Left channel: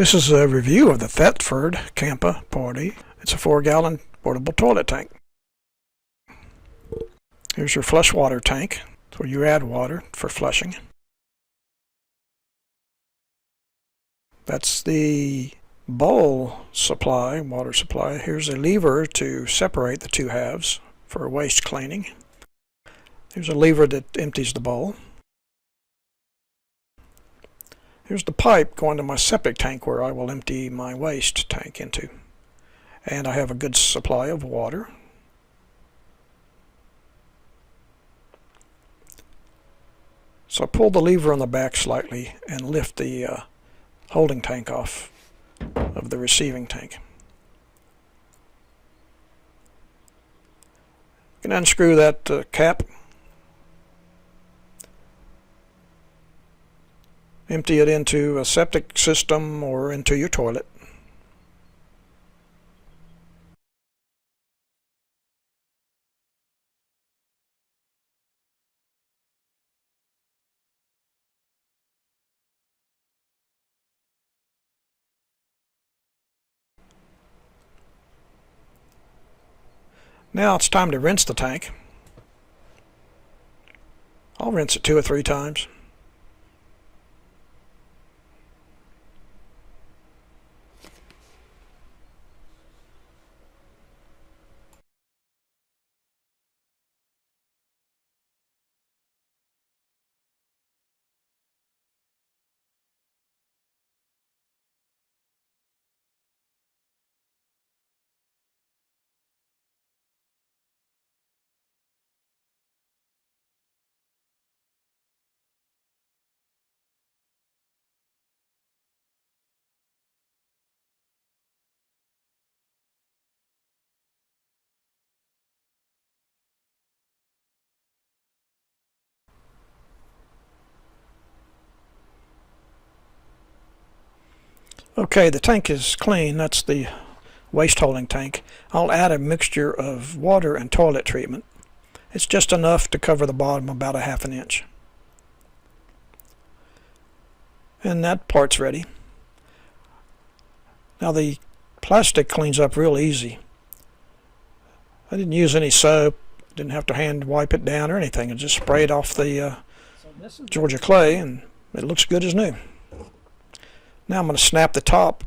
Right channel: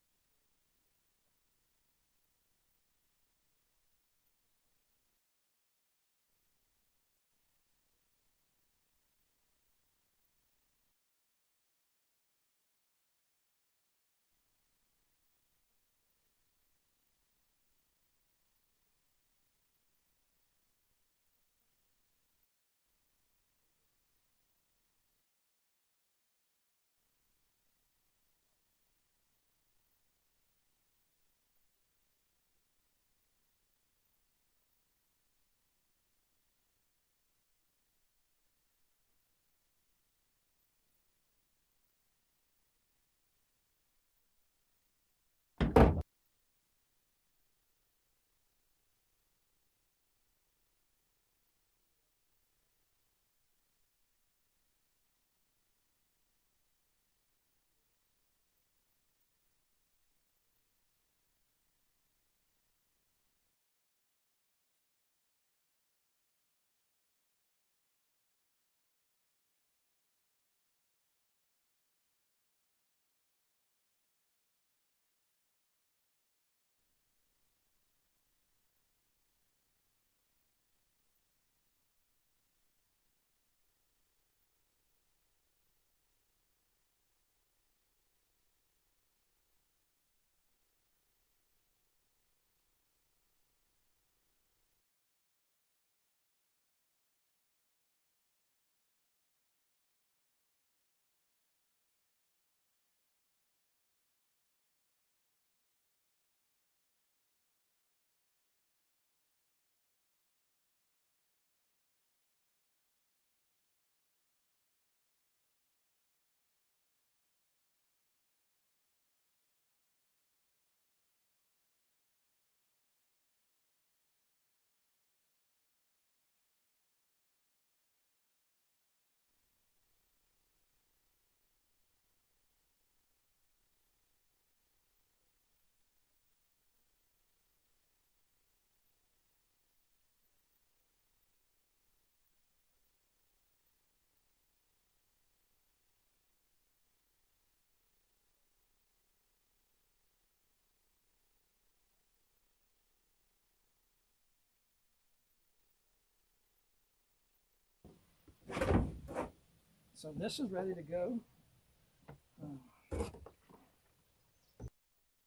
This is a review of the Thetford Campa Potti. It's a 4-gallon portable toilet tank. Here's your flush water tank, where you add water for flushing. That's the bowl supply, water supply. Here's a lever to separate the two halves for waste cleaning. Here's a lever that empties the bowl. Here's the pipe going to my septic tank where I will empty my waste tank into. And I have a good supply of water. So I pull the lever on the back slightly and lift the holding tank off of the receiving tank. You can unscrew that cap. Empty it into a septic system or into your toilet. Now it's time to rinse the tank. I'll rinse it 2 or 3 times. Okay, the tank is clean. That's the waste holding tank. I'll add a mixture of water and toilet treatment. It's just enough to cover the bottom about a ½ inch. And that part's ready. Now the plastic cleans up real easy. I didn't use any soap, didn't have to hand wipe it down or anything. I just sprayed off the Georgia clay and it looks good as new. Now I'm going to snap the top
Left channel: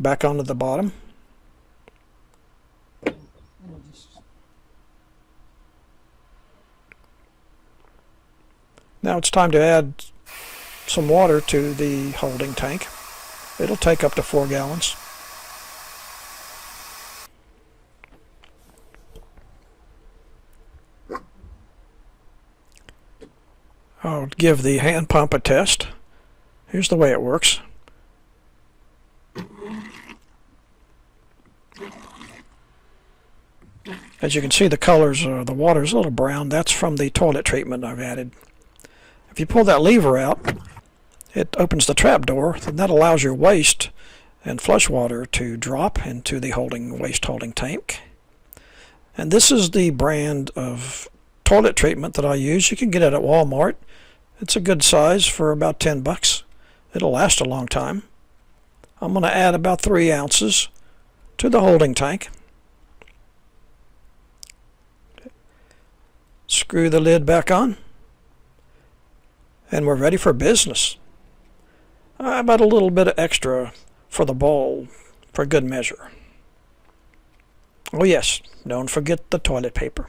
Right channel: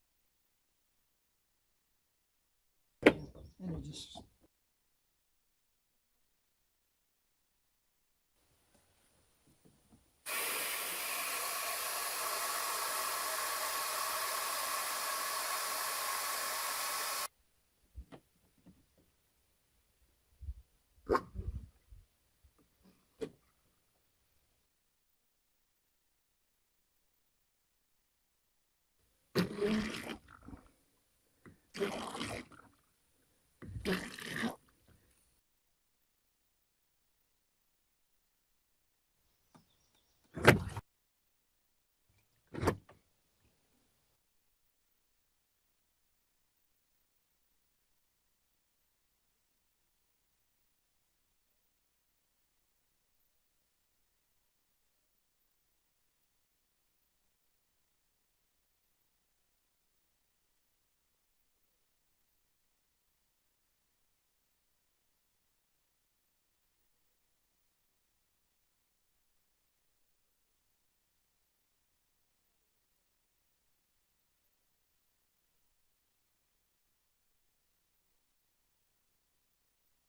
back onto the bottom. Now it's time to add some water to the holding tank. It'll take up to 4 gallons. I'll give the hand pump a test. Here's the way it works. As you can see, the colors, the water is a little brown. That's from the toilet treatment I've added. If you pull that lever out, it opens the trap door, and that allows your waste and flush water to drop into the waste holding tank. And this is the brand of toilet treatment that I use. You can get it at Walmart. It's a good size for about 10 bucks. It'll last a long time. I'm going to add about 3 ounces to the holding tank. Screw the lid back on. And we're ready for business. About a little bit of extra for the bowl for good measure. Oh yes, don't forget the toilet paper.